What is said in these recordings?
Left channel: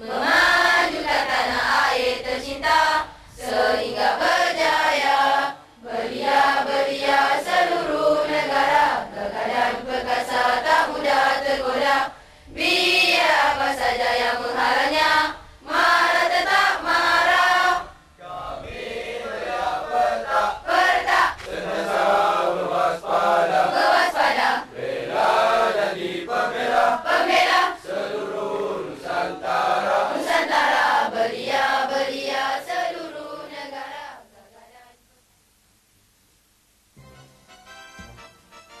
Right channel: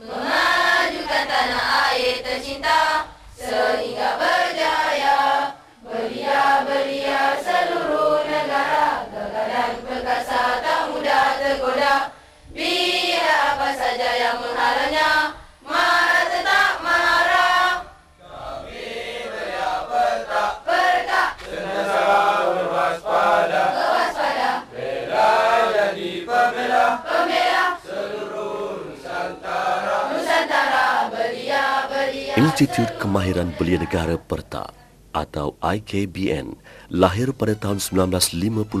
memajukan tanah air tercinta sehingga berjaya. Belia-belia seluruh negara, gagah dan perkasa tak mudah tergoda. Biar apa saja yang menghalangnya, marah tetap marah. Kami belia Perta, Perta, senantiasa berwaspada, berwaspada, bela jadi pembela pembela seluruh Nusantara. Nusantara. Belia-belia Institut Kemahiran Belia Negara Perta atau IKBN lahir pada tahun 1954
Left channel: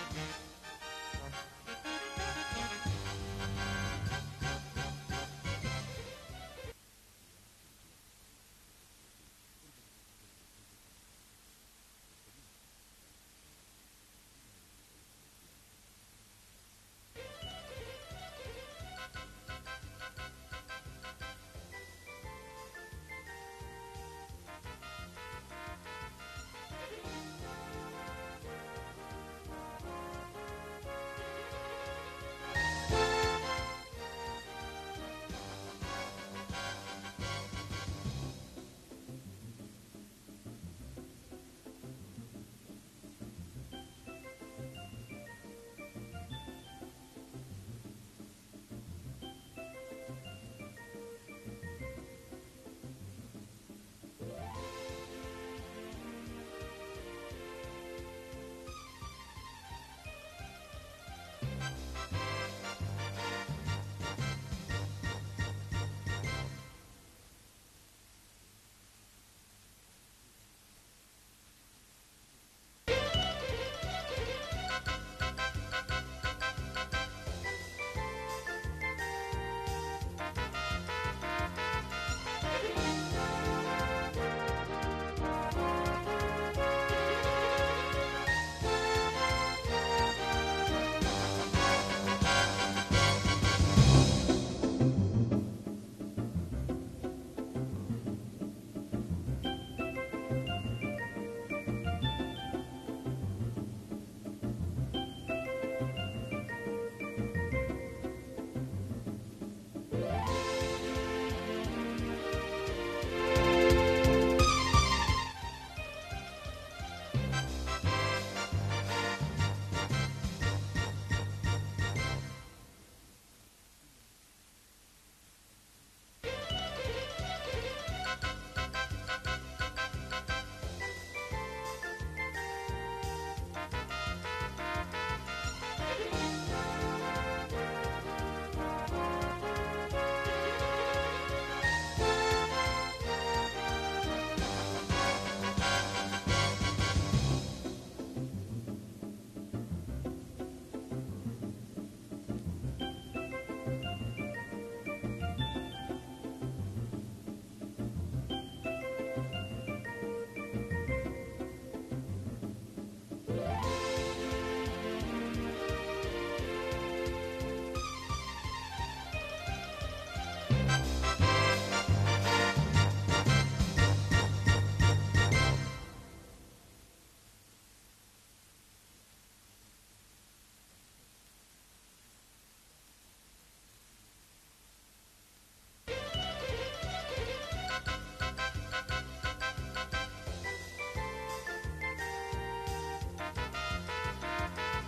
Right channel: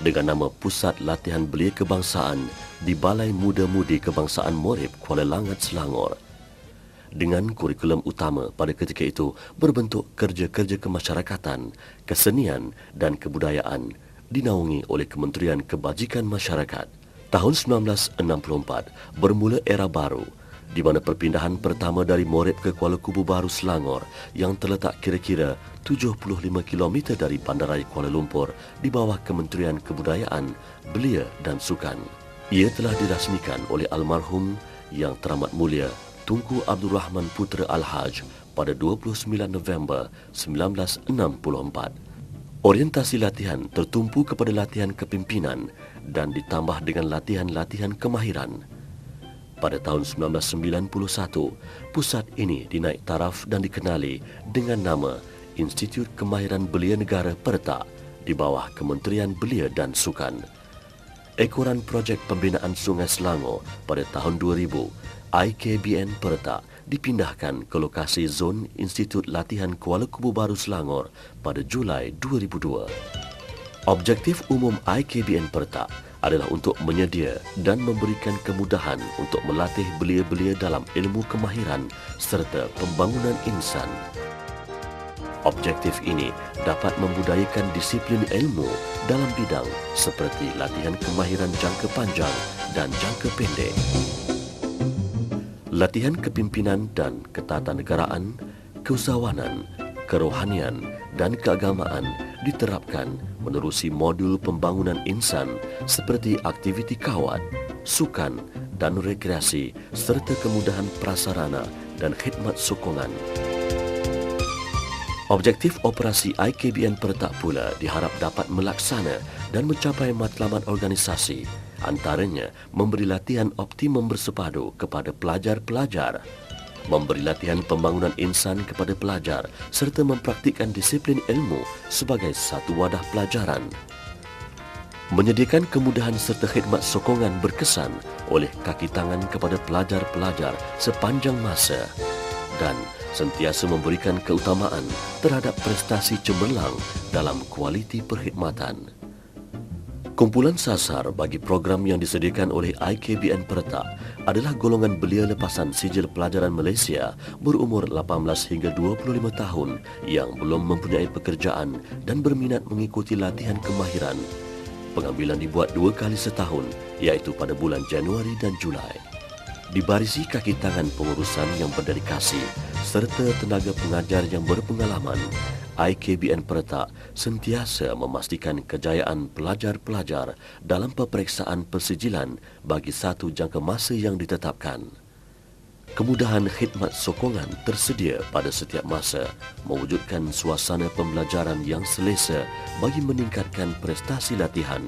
dengan nama Pusat Latihan Belia Kebangsaan di Balai Muda-Mudi Kebangsaan Morib, Kuala Langat, Selangor. Dengan kurikulum utama pada ketika itu berbentuk kerja-kerja kemasyarakatan, kesenian dan kebudayaan dinaungi oleh Kementerian Kebajikan Masyarakat. Tahun 1964 bermula era baru di mana perpindahan pertama dari Morib ke Kuala Kubu Baru, Selangor yang terletak kira-kira 75 km dari Bandaraya Kuala Lumpur di bawah Kementerian Kebudayaan, Belia dan Sukan. Ia telah dirasmikan oleh almarhum Yang Teramat Mulia Tunku Abdul Rahman Putra Al-Haj pada 29 November 1964. Orientasi latihan tertumpu kepada latihan kepimpinan dan ditambah dengan latihan-latihan kemahiran. Pada tahun 1991, pusat ini dinaik taraf dan dikenali dengan nama Institut Kemahiran Belia Negara Perta di bawah Kementerian Belia dan Sukan. Ekoran projek pembinaan Sungai Selangor pada tahun 2000, IKBN Perta dipindahkan ke lokasi zon Institut Latihan Kuala Kubu Baru Selangor pada Julai 2002. Objektif umum IKBN Perta adalah untuk menyedia dan memberikan kemudahan untuk melatih belia-belia dalam ilmu kemahiran serta pembangunan insan. Objektif ini dapat membudayakan disiplin ilmu dalam bidang seperti latihan kemahiran jangka panjang dan jangka pendek. Latihan kepimpinan dan ketatanegaraan, keusahawanan, kerohanian dan keagamaan diterapkan menerusi modul pembangunan insan seperti aktiviti kawat, sukan dan rekreasi serta kemudahan prasarana dan khidmat sokongan. Objektif operasi IKBN Perta pula diharap dapat melaksana dan mencapai matlamat organisasi, antaranya memberi latihan optimum bersepadu kepada pelajar-pelajar, memberi latihan pembangunan insan kepada pelajar serta mempraktikkan disiplin ilmu sebagai satu wadah pelajaran. Menyediakan kemudahan serta khidmat sokongan berkesan oleh kaki tangan kepada pelajar-pelajar sepanjang masa dan sentiasa memberikan keutamaan terhadap prestasi cemerlang dalam kualiti perkhidmatan. Kumpulan sasar bagi program yang disediakan oleh IKBN Perta adalah golongan belia lepasan sijil pelajaran Malaysia berumur 18 hingga 25 tahun yang belum mempunyai pekerjaan dan berminat mengikuti latihan kemahiran. Pengambilan dibuat 2 kali setahun, iaitu pada bulan Januari dan Julai. Dibarisi kaki tangan pengurusan yang berdedikasi serta tenaga pengajar yang berpengalaman, IKBN Perta sentiasa memastikan kejayaan pelajar-pelajar dalam peperiksaan persijilan bagi satu jangka masa yang ditetapkan. Kemudahan khidmat sokongan tersedia pada setiap masa, mewujudkan suasana pembelajaran yang selesa bagi meningkatkan prestasi latihan.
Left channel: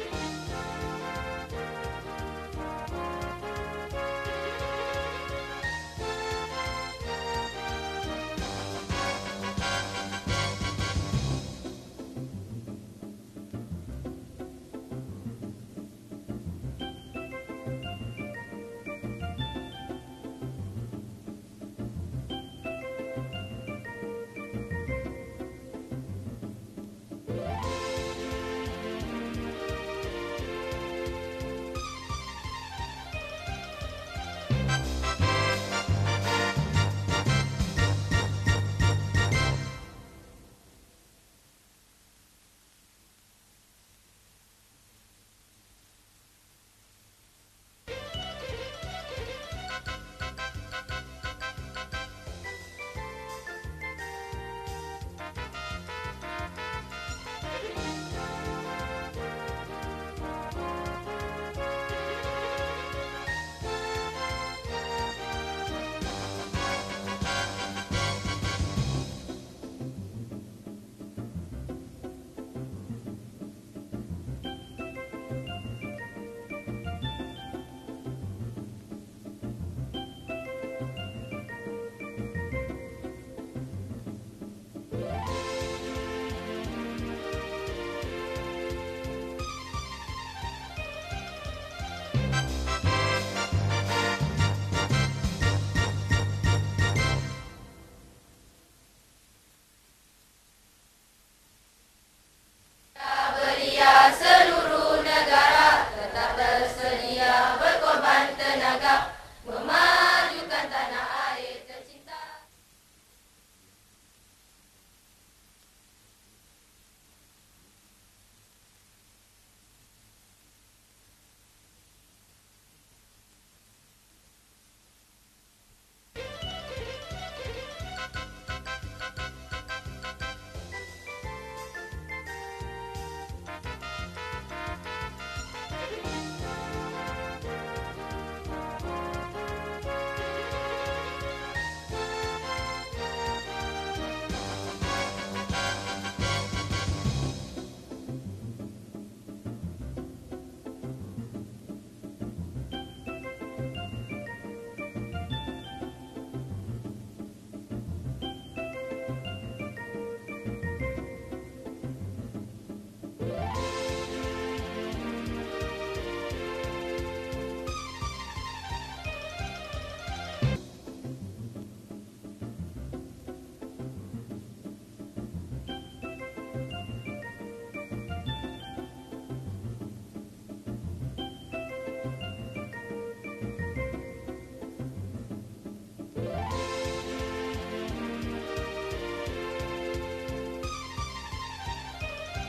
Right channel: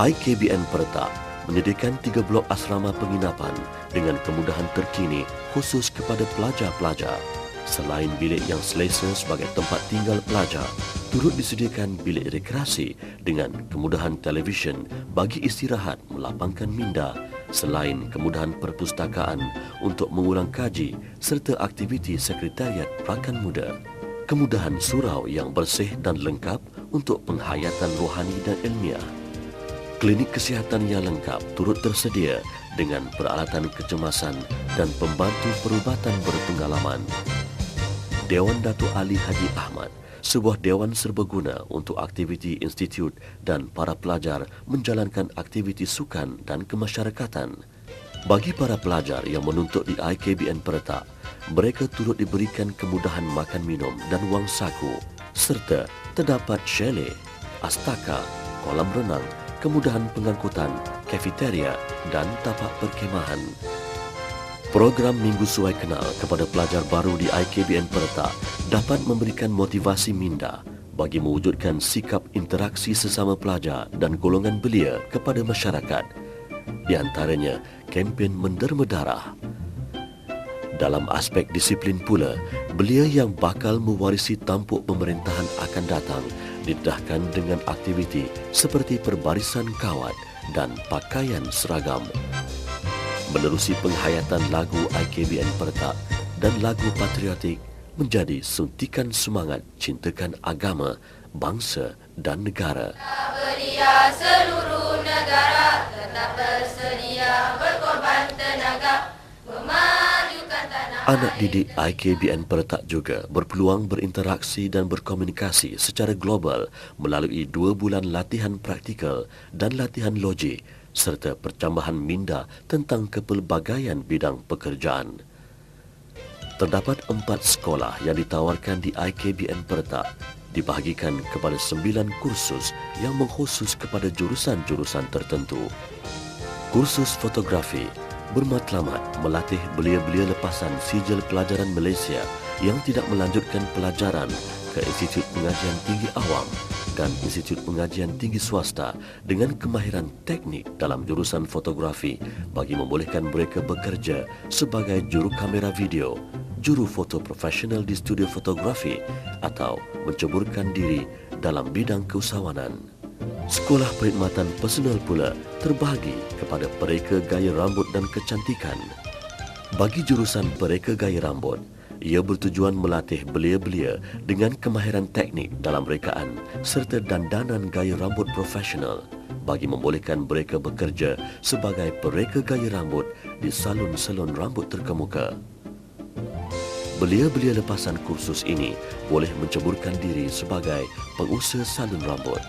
IKBN Perta menyediakan 3 blok asrama penginapan dengan kemudahan terkini khusus kepada pelajar-pelajar. Selain bilik yang selesa sebagai tempat tinggal pelajar, turut disediakan bilik rekreasi dengan kemudahan televisyen bagi istirahat melapangkan minda, selain kemudahan perpustakaan untuk mengulang kaji serta aktiviti sekretariat rakan muda. Kemudahan surau yang bersih dan lengkap untuk penghayatan rohani dan ilmiah. Klinik kesihatan yang lengkap turut tersedia dengan peralatan kecemasan dan pembantu perubatan berpengalaman. Dewan Datuk Ali Haji Ahmad, sebuah dewan serbaguna untuk aktiviti institut dan para pelajar menjalankan aktiviti sukan dan kemasyarakatan. Bagi para pelajar yang menuntut di IKBN Perta, mereka turut diberikan kemudahan makan minum dan wang saku, serta terdapat chalet, astaka, kolam renang, kemudahan pengangkutan, kafeteria dan tapak perkhemahan. Program Minggu Suai Kenal kepada pelajar baru di IKBN Peretak dapat memberikan motivasi minda bagi mewujudkan sikap interaksi sesama pelajar dan golongan belia kepada masyarakat. Di antaranya, kempen menderma darah. Dalam aspek disiplin pula, belia yang bakal mewarisi tampuk pemerintahan akan datang didedahkan dengan aktiviti seperti perbarisan kawat dan pakaian seragam. Menerusi penghayatan lagu IKBN Peretak dan lagu patriotik menjadi suntikan semangat cintakan agama, bangsa dan negara. Belia seluruh negara tetap bersedia berkorban tenaga memajukan tanah Anak air. didik IKBN Peretak juga berpeluang berinteraksi dan berkomunikasi secara global melalui 2 bulan latihan praktikal dan latihan logik serta percambahan minda tentang kepelbagaian bidang pekerjaan. Terdapat 4 sekolah yang ditawarkan di IKBN Peretak dibahagikan kepada 9 kursus yang mengkhusus kepada jurusan-jurusan tertentu. Kursus fotografi bermatlamat melatih belia-belia lepasan sijil pelajaran Malaysia yang tidak melanjutkan pelajaran ke Institut Pengajian Tinggi Awam dan Institut Pengajian Tinggi Swasta dengan kemahiran teknik dalam jurusan fotografi bagi membolehkan mereka bekerja sebagai juru kamera video, juru foto profesional di studio fotografi atau menceburkan diri dalam bidang keusahawanan. Sekolah perkhidmatan personal pula terbahagi kepada pereka gaya rambut dan kecantikan. Bagi jurusan pereka gaya rambut, ia bertujuan melatih belia-belia dengan kemahiran teknik dalam rekaan serta dandanan gaya rambut profesional bagi membolehkan mereka bekerja sebagai pereka gaya rambut di salon-salon rambut terkemuka. Belia-belia lepasan kursus ini boleh menceburkan diri sebagai pengusaha salon rambut.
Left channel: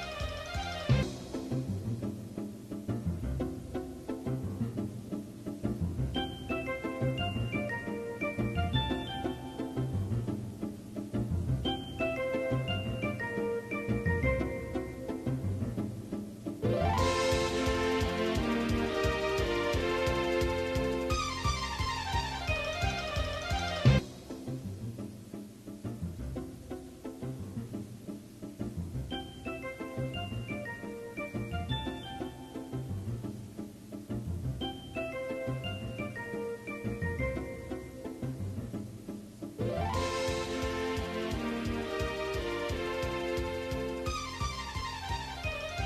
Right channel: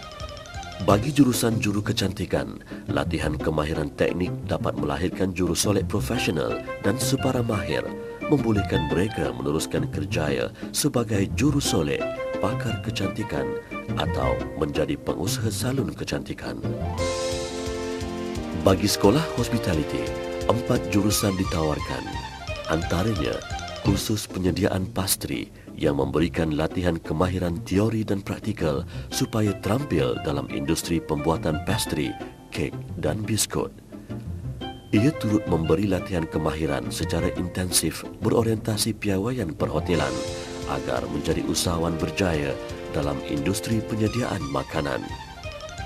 Bagi jurusan juru kecantikan, latihan kemahiran teknik dapat melahirkan juru solek profesional dan separa mahir, membolehkan mereka meneruskan kerjaya sebagai juru solek, pakar kecantikan atau menjadi pengusaha salon kecantikan. Bagi sekolah hospitality, 4 jurusan ditawarkan. Antaranya, kursus penyediaan pastri yang memberikan latihan kemahiran teori dan praktikal supaya terampil dalam industri pembuatan pastri, kek dan biskut. Ia turut memberi latihan kemahiran secara intensif berorientasi piawaian perhotelan agar menjadi usahawan berjaya dalam industri penyediaan makanan.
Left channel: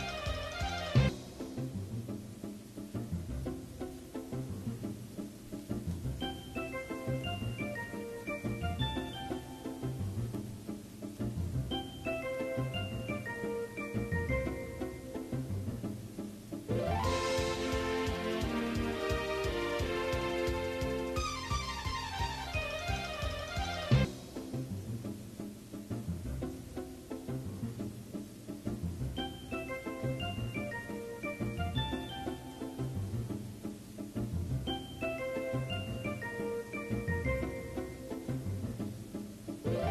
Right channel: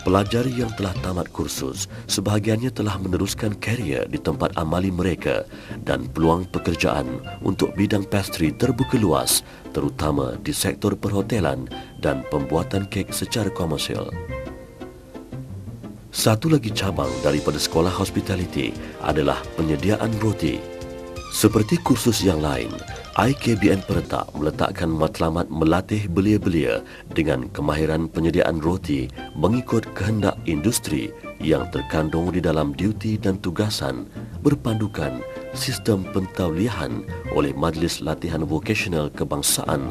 Pelajar yang telah tamat kursus, sebahagiannya telah meneruskan karier di tempat amali mereka dan peluang pekerjaan untuk bidang pastri terbuka luas, terutama di sektor perhotelan dan pembuatan kek secara komersial. Satu lagi cabang daripada sekolah hospitality adalah penyediaan roti. Seperti kursus yang lain, IKBN Peretak meletakkan matlamat melatih belia-belia dengan kemahiran penyediaan roti mengikut kehendak industri yang terkandung di dalam duti dan tugasan berpandukan sistem pentauliahan oleh Majlis Latihan Vokasional Kebangsaan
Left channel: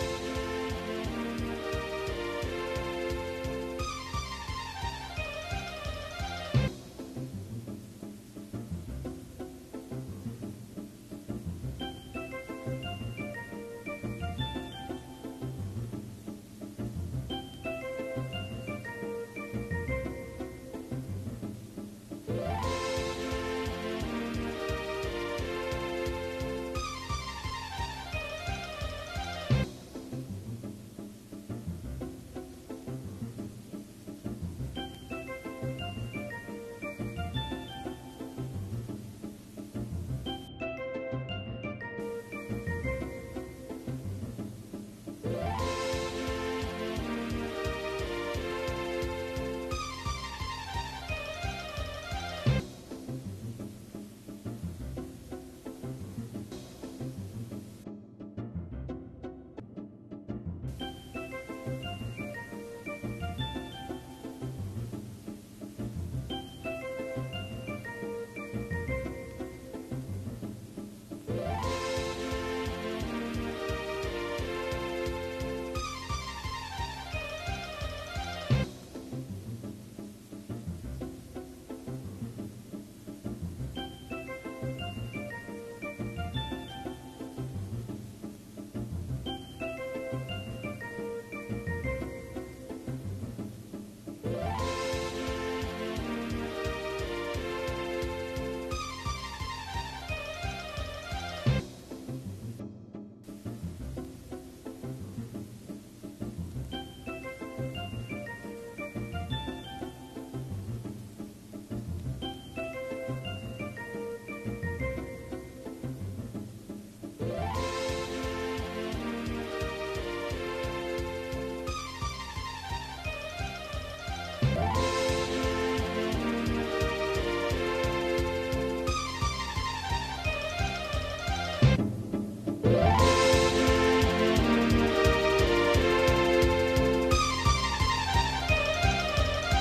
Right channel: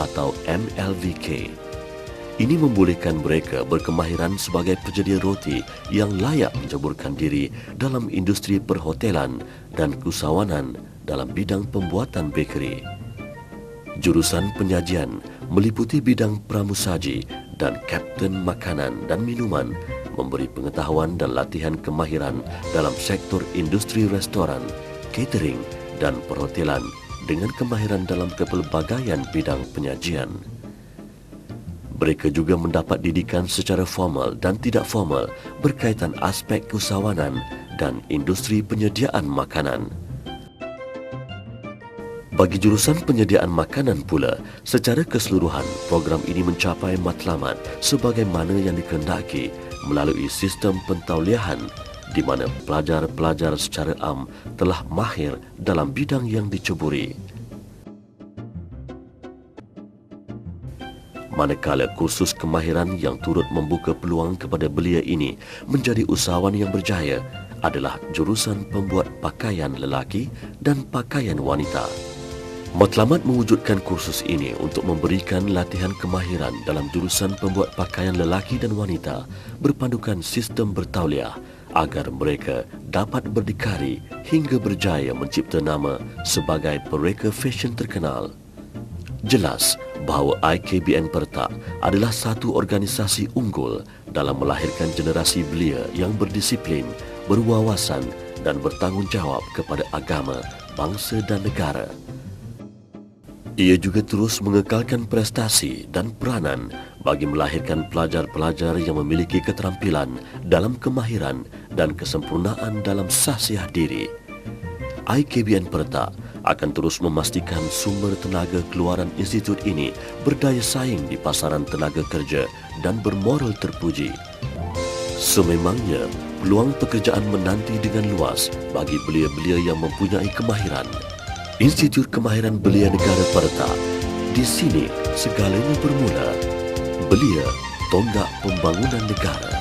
atau MLVK. Ini membolehkan mereka berkemahiran sebagai penyedia roti yang layak menceburkan diri dalam industri perhotelan dan keusahawanan dalam bidang pembuatan bakery. Jurusan penyajian meliputi bidang pramusaji dan kapten makanan dan minuman, memberi pengetahuan dan latihan kemahiran dalam sektor industri restoran, catering dan perhotelan dengan kemahiran dalam kepelbagaian bidang penyajian. Mereka juga mendapat didikan secara formal dan tidak formal berkaitan aspek keusahawanan dan industri penyediaan makanan. Bagi jurusan penyediaan makanan pula, secara keseluruhan program ini mencapai matlamat sebagaimana yang dikehendaki melalui sistem pentauliahan di mana pelajar-pelajar secara am telah mahir dalam bidang yang diceburi. Manakala kursus kemahiran yang turut membuka peluang kepada belia ini menjadi usahawan yang berjaya adalah jurusan pembuat pakaian lelaki dan pakaian wanita. Matlamat mewujudkan kursus ini untuk memberikan latihan kemahiran dalam jurusan pembuat pakaian lelaki dan wanita berpandukan sistem bertauliah agar mereka dapat berdikari hingga berjaya mencipta nama sebagai mereka fashion terkenal. Jelas bahawa IKBN Pertak adalah satu organisasi unggul dalam melahirkan generasi belia yang berdisiplin, berwawasan dan bertanggungjawab kepada agama, bangsa dan negara. Ia juga terus mengekalkan prestasi dan peranan bagi melahirkan pelajar-pelajar yang memiliki keterampilan dalam kemahiran dan kesempurnaan dalam sahsiah diri. IKBN Pertak akan terus memastikan sumber tenaga keluaran institut ini berdaya saing di pasaran tenaga kerja dan bermoral terpuji. Sememangnya, peluang pekerjaan menanti dengan luas bagi belia-belia yang mempunyai kemahiran. Institut Kemahiran Belia Negara Pertak. Di sini segalanya bermula. Belia, tonggak pembangunan negara.